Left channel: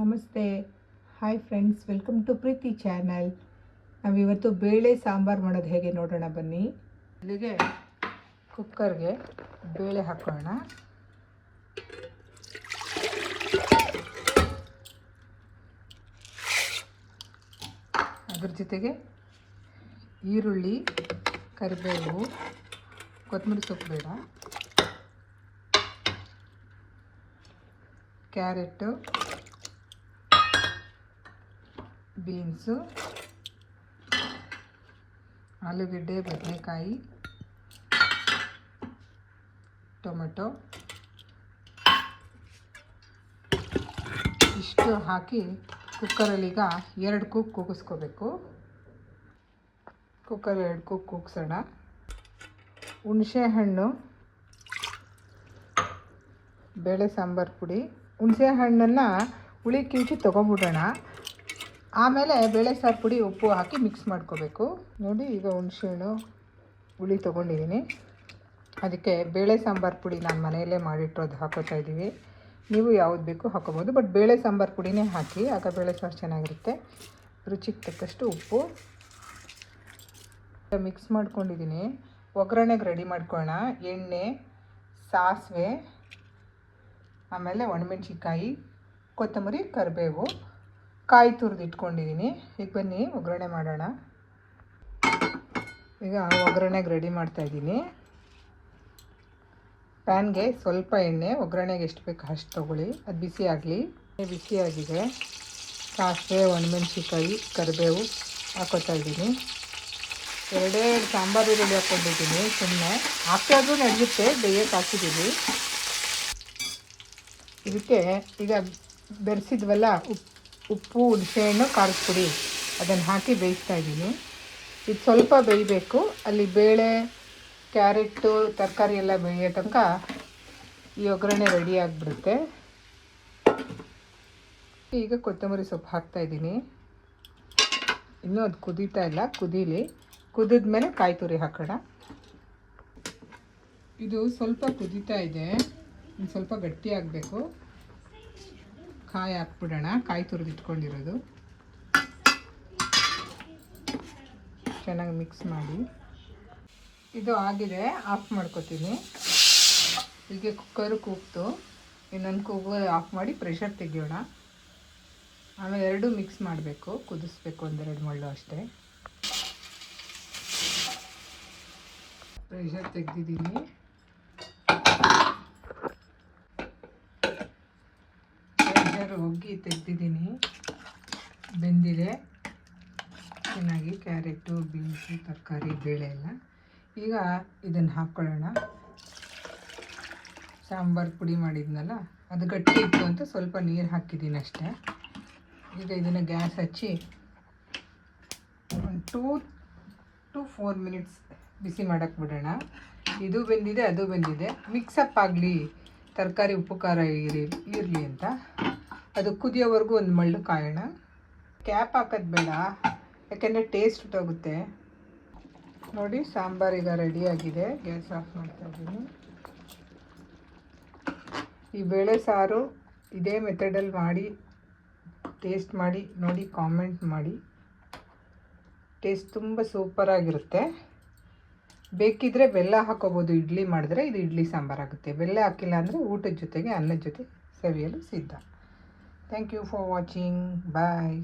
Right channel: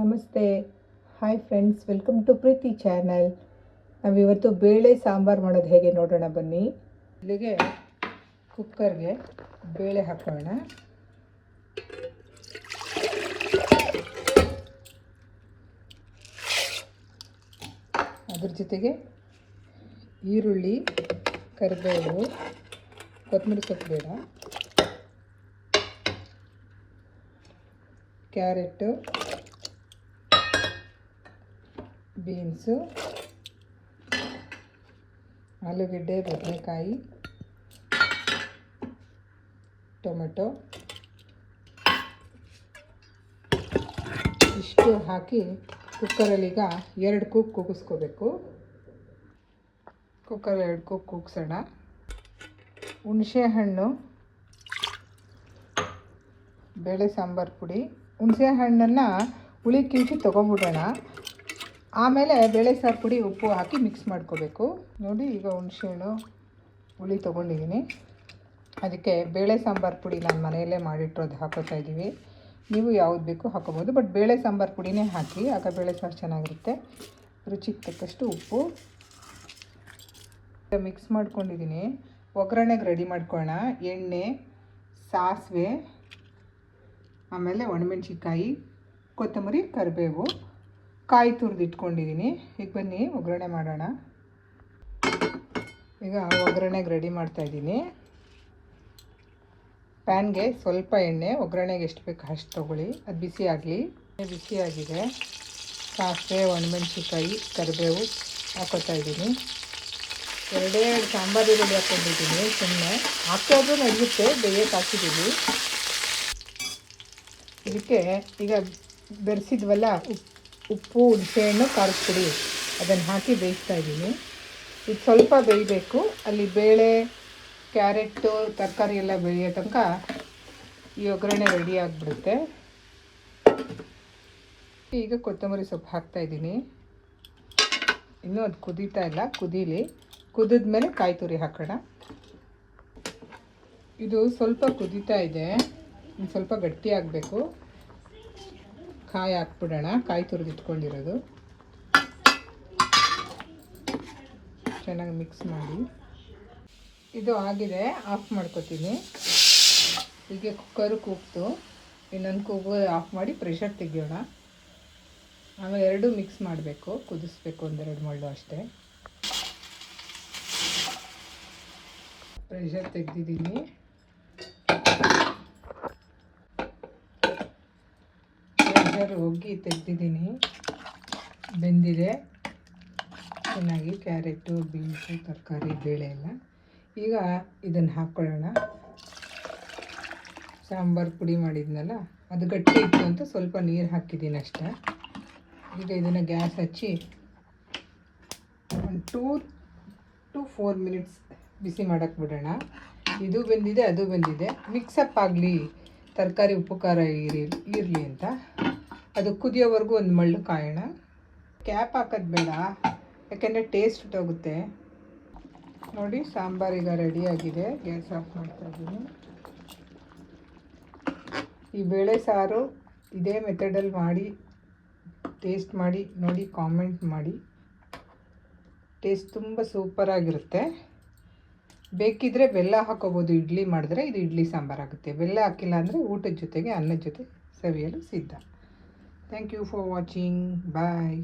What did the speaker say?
ನಮಸ್ತೆ. Hi friends, welcome to Preethi channel. ನಾವಿವತ್ತು ಬೇಳೆ ಸಾಂಬಾರು ಮಾಡೋದು ಹೇಗೆ ನೋಡೋಣ ಬನ್ನಿ. ಇಲ್ಲಿಗೆ ಕುಕ್ಕರ್ಗೆ ಬೇಳೆ ಹಾಕೋಣ. ಅದ್ರ ಜೊತೆಗೆ ಈರುಳ್ಳಿ, ಕರಿಬೇವು, ಕೊತ್ತಂಬರಿ ಸೊಪ್ಪು ಬೇಡ, ಕ್ಯಾರೆಟು, ಬೀನ್ಸು, ಆಲೂಗಡ್ಡೆ, ಬದನೆಕಾಯಿ, ಟೊಮೆಟೊ ಇಷ್ಟು ಹಾಕಿ ಕುಕ್ಕರಲ್ಲೀಗ 2 ಕೂಗು ಕೂಗಿಸ್ಕೋಬೇಕು. ಕುಕ್ಕರ್ 2 ಕೂಗು ಕೂಗಿಸೋಣ. ಹುಣಸೆ ಹಣ್ಣು, ಬೇಳೆ ಸಾಂಬಾರು ಪುಡಿ, ಹುಣಸೆ ಹಣ್ಣನ್ನು ಹುಳಿ ಕಿವುಚಿ ತೊಗೊಂಬಿಡೋಣ. ಆಮೇಲೆ ಬೇಳೆ ಸಾರು ಪುಡಿ, ಉಪ್ಪು ಹಾಕಿ ಮಿಕ್ಸ್ ಮಾಡ್ಕೋಬೇಕು. ನೋಡಿ, ಈಗ ಹುಣಸೆಹಣ್ಣು ಹುಳಿ ತೊಗೊಂಡಿದ್ದೀನಿ. ಅದಕ್ಕೆ ಬೇಳೆ ಸಾಂಬಾರು ಪುಡಿ ನಾನು ಮನೆಯಲ್ಲೇ ಮಾಡಿಟ್ಟಿರೋದು ಹಾಕೋತಾ ಇದ್ದೀವಿ. ನೀವು ಯಾವ್ದು ಬೇಕು ಹಾಕೋಬೋದು, ಬಟ್ ಬೇಳೆ ಸಾಂಬಾರು ಪುಡಿನೇ ಹಾಕಿ, ಆಗ ಬೇಳೆ ಸಾರು ಚೆನ್ನಾಗಿರುತ್ತೆ. ರುಚಿಗೆ ತಕ್ಕಷ್ಟು ಉಪ್ಪು ಮಿಕ್ಸ್ ಮಾಡ್ಕೊಂಡಿದ್ದೀನಿ. ಒಗ್ಗರಣೆಗೆ ರೆಡಿ ಮಾಡ್ಕೊಳ್ಳೋಣ. ಎಣ್ಣೆ, ಸಾಸಿವೆ, ಆಮೇಲೆ ಒಣಮೆಣ್ಸಿನ್ಕಾಯಿ, ಕೊತ್ತಂಬರಿ, ಕರಿಬೇವು, ಕಾಯಿ ತುರಿದಿಟ್ಕೊಂಡಿದ್ದೀನಿ. ಈಗ ಬನ್ನಿ ಒಗ್ಗರಣೆ ಮಾಡೋಣ. ಈಗ ಒಗ್ಗರಣೆಗೆ ರೆಡಿ ಮಾಡ್ತಾಯಿದ್ದೀನಿ. ಪ್ಯಾನ್ಗೆ ಸ್ವಲ್ಪ ಎಣ್ಣೆ, ಒಗ್ಗರಣೆಗೆ ಎಷ್ಟು ಬೇಕು ಅಷ್ಟು ತೊಗೊಳ್ಳಿ. ಅದು ಬಿಸಿ ಆಗಲಿ. ಬಿಸಿಯಾಗಿದೆ. ಸಾಸಿವೆ, ಒಣಮೆಣ್ಸಿನ್ಕಾಯಿ, ಕರಿಬೇವು ಹಾಕೋತಾ ಇದ್ದೀನಿ. 2 ಸಾಂಬಾರು ಈರುಳ್ಳಿ ಹಾಕ್ಕೊಂಡಿದ್ದೀನಿ. ಸುಮ್ಮನೆ ಹಾಕೋದು ನಡೆಯುತ್ತೆ, ಬೇಯಕ್ಕೆ ಹಾಕಿದ್ದೀವಿ. ಇದಕ್ಕೆ ಈಗ ಬೆರೆಸಿದ್ವಲ್ಲ ಉಪ್ಪು, ಹುಣಸೆಹಣ್ಣು, ಖಾರದ ಪುಡಿ, ಅದನ್ನು ಹಾಕಿ ಬೇಯಿಸ್ತಾ ಇದ್ದೀನಿ. ಇದು ಸ್ವಲ್ಪ ಬೇಯಬೇಕು. ಅಲ್ಲಿ ಬೇಳೆ, ಕ್ಯಾರೆಟು, ತರಕಾರಿ ಎಲ್ಲ ಬೇಯೋ ತನಕ ಈ ಒಗ್ಗರಣೆ ರೆಡಿ ಆಗಿಬಿಡುತ್ತೆ. ಈಗ ಕೊತ್ತಂಬರಿ ಸೊಪ್ಪು ಹಾಕ್ತಾಯಿದ್ದೀನಿ. ಇನ್ನೂ ಅದು ಕುದೀತಾ ಇಲ್ಲ, ಕುದೀಲಿ. ಕುದಿದ್ಮೇಲೆ ಕಾಯಿ ತುರಿ ಹಾಕೋಣ. ಇದು ಸ್ವಲ್ಪ ಕುದೀತಾ ಇದೆ, ಒಂದು ಸ್ವಲ್ಪ ಗಟ್ಟಿ ಆಗಬೇಕು. ಕಾಯಿ ಹಾಕ್ಬಿಡೋಣ, ಕಾಯಿ ತುರಿದಿಟ್ಕೊಂಡಿರೋದು. ಚೆನ್ನಾಗಿ ಮಿಕ್ಸ್ ಮಾಡಿ. ಇದು ಆಗಿದೆ, ಆಫ್ ಮಾಡ್ಕೊತೀನಿ. ಈಗ ಕುಕ್ಕರು ಕೂಗ್ತು. ಇನ್ನೊಂದು ಕೂಗು ಆಫ್ ಮಾಡಿ ಪ್ರೆಷರ್ ತೆಗಿಯೋಣ. ಆಮೇಲೆ 2 ಮಿಕ್ಸ್ ಮಾಡಬೇಕು, ಕುದಿಸ್ಬೇಕು, 1-2 ಮಳ್ಳು ಅಷ್ಟೇ. ಪ್ರೆಷರ್ ತೆಗೆದಿದ್ದೀನಿ. ಪ್ರೆಷರ್ ಒಗ್ಗಿ ತೆಗೆದಿದ್ದೀನಿ. ಬೆಂದಿದೆ ಚೆನ್ನಾಗಿ. ಕ್ಯಾರೆಟು, ಬೀನ್ಸು, ತರಕಾರಿ, ಬೇಳೆ ಎಲ್ಲ. ಈಗ ಇದನ್ನು ಹಾಕ್ಕೊಳ್ಳೋಣ. ಸಾಂಬಾರು ಪುಡಿ ಮಾಡಿದ್ನಲ್ಲ, ಅದು ಗಟ್ಟಿ ಇತ್ತು ಅಂತ ಸ್ವಲ್ಪ ನೀರು ಹಾಕಿದ್ದೀನಿ ಅಷ್ಟೇ. ಈಗ ಇದನ್ನು ಗ್ಯಾಸ್ ಹಚ್ಚಿ 2 to 4 ಮಿನಿಟ್ಸ್ ಬಿಸಿ ಮಾಡೋಕ್ಕೆ ಬಿಡೋಣ. ಇದು ಬೆಂದಿದೆ, ಅದು ಬೆಂದಿದೆ. ಮಿಕ್ಸಪ್ ಆಗಲಿ, ತರಕಾರಿ ಉಪ್ಪು ಖಾರ ಇರಲಿ ಅಂತ. ಅದು ಕುದಿಯೋವರೆಗೂ 1 ಮಳ್ಳು ಕಾಯೋಣ. ಕ್ಯಾಪ್ ಹಾಕೋದು ಬೇಡ, ಯಾಕೆಂದರೆ ಟೇಸ್ಟ್ ಹೋಗುತ್ತೆ. ನೋಡಿ, ಸಾಂಬಾರೀಗ ರೆಡಿಯಾಗಿದೆ. ಗ್ಯಾಸ್ ಆಫ್ ಮಾಡ್ತಾಯಿದ್ದೀನಿ. ಈ ಬೇಳೆ ಸಾರು ಇದೇ ಮೆಥಡಲ್ಲಿ ಮಾಡಿ ಟೇಸ್ಟ್ ಮಾಡಿ ನೋಡಿ, ಕಾಮೆಂಟ್ ಮಾಡಿ. ಟೇಸ್ಟ್ ತುಂಬ ಸೂಪರಾಗಿರುತ್ತೆ. ಬೇಕಿದ್ದರೆ ಬೆಲ್ಲ ಹಾಕೋಬೋದು. ಇಡ್ಲಿ ಮಾಡಿದ್ರೆ ಇದು ಇಡ್ಲಿ ಸಾಂಬಾರಾಗುತ್ತೆ. ಬೆಲ್ಲ ಹಾಕಿಲ್ಲ ಅಂದರೆ ಊಟದ ಜೊತೆಗೆ, ಅನ್ನದ ಜೊತೆ ಸವಿಯಲು ಸಿದ್ಧ. Thank you for watching. Bye.